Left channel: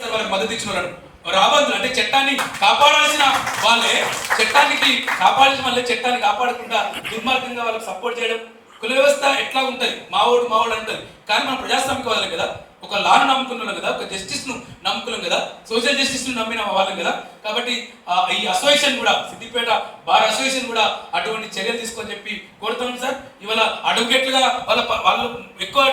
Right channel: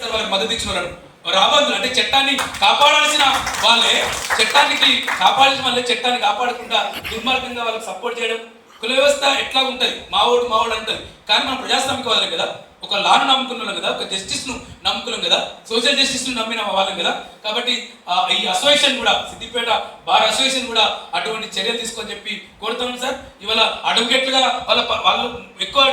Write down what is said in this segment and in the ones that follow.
వాళ్ళకి మద్దతు ఇచ్చిన వాళ్ళను రాబందులు అంటే చట్టాన్ని కాపాడాల్సిన వాళ్ళే చట్టాన్ని కాపాడకుండా దుర్మార్గంగా వాళ్ళకి సపోర్ట్ చేయడం. కుల వ్యవస్థ ఎట్లా ఉంటుంది, మావోడు అంటారు. కానీ మనం ప్రజాస్వామికవాదులం కదా, ఒక లాను నమ్ముకున్నాం కదా, ఒక జస్టిస్ ను నమ్ముకున్నాం కదా, సోషల్ జస్టిస్ ను నమ్మిన వాళ్ళం కదా. కాబట్టి ఈ అసోసియేషన్ కూడా, సిద్దిపేట బార్ అసోసియేషన్ కూడా అటువంటి చర్యలు తీసుకొని చెప్పి కోరుతున్నాం సార్. ఇవాళ అడ్వకేట్లుగా వాళ్ళు ఎక్కువ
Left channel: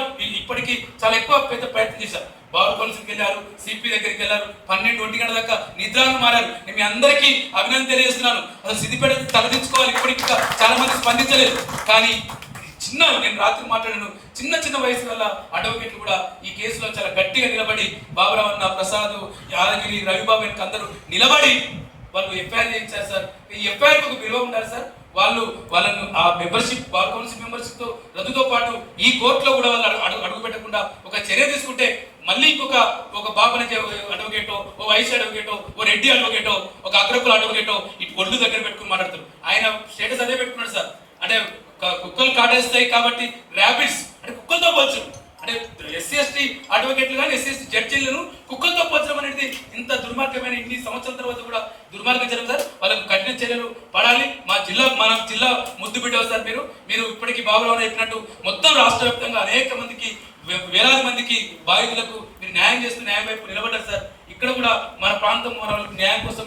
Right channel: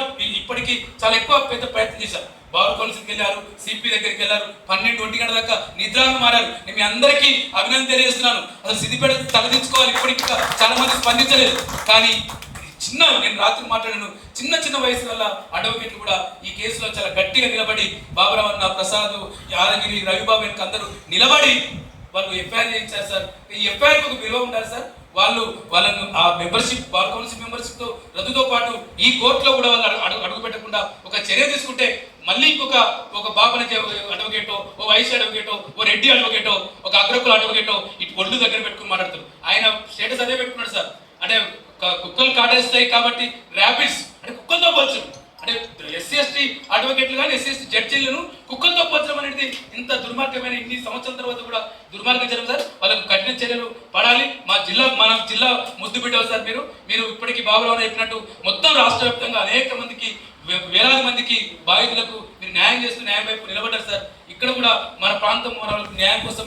ఇప్పటికీ చాలా ఎక్కువ పెద్ద ప్రయత్నం చేశారు. బార్ కౌన్సిల్కి వెళ్ళారు, సిపి దగ్గరికి వెళ్ళారు, 12-1 గంటల దాకా నిద్రలు మారారు. మీ అందరికీ అభినందన తెలియజేస్తున్నాను. అసలు సిద్దిపేట తలదించుకోవాలి, ఇప్పటికి చాలా మంది స్పందించలేదు. కానీ నేను రాత్రి మాట్లాడాను, చిన్న వయసు వల్ల అడ్వకేట్లు కూడా ఈ కేసులో చాలా గట్టిగా నిలబడి, బాబురావు అన్న, ప్రసాద్, యాదగిరి, రవిబాబు వెనక అందరూ నిలబడి వాళ్ళు ఎఫ్ఐఆర్ చేయించారు సార్. ఈ ఎఫ్ఐఆర్ ఒక విలువ ఉండాలి సార్. వాళ్ళను ఆ మెంబర్షిప్, బార్ కౌన్సిల్ మెంబర్షిప్ తో రద్దుతో పాటు ఈ కోర్టులో కూడా వాళ్ళు అడుగు పెట్టకుండా ఒక చర్య తీసుకుంటే మళ్ళీ ఒక బాబుని అడ్వకేటో, ఓ వైస్ అడ్వకేటో, ఓ రెడ్డి అడ్వకేటో, ఒక అగ్రకుల అడ్వకేటో ఇటు ఒళ్ళు దగ్గర పెట్టుకుని మాట్లాడతారు. ఆయన స్టేటస్ అదే పెట్టుకున్నాడు సార్. అంటే కుక్కలు కాటేస్తాయి కాబట్టి ర్యాబిట్స్ అంటే కుక్కలతో పోల్చడం, అంటే SC/ST అడ్వకేట్లు కానీ SC/ST జడ్జీలను కుక్కలతో పోల్చడం అనేది ఇంత దుర్మార్గమైన, ఇన్ని సంవత్సరాల తర్వాత కూడా దుర్మార్గం జరగదు సార్. వాళ్ళకు కఠిన చర్యలు పడాలి. మన జిల్లా ముద్దు బిడ్డలు సార్. మీరు ఇప్పటికీ బాబురావు చెప్పినట్టు మొత్తం రాష్ట్ర వ్యాప్తంగా అనేక మందికి, వేలాది మందికి బాధితులకు మీరు న్యాయం చేస్తూ న్యాయం వైపు నిలబడ్డారు సార్. ఇక్కడ కూడా మన ప్రాంతం న్యాయం కోసం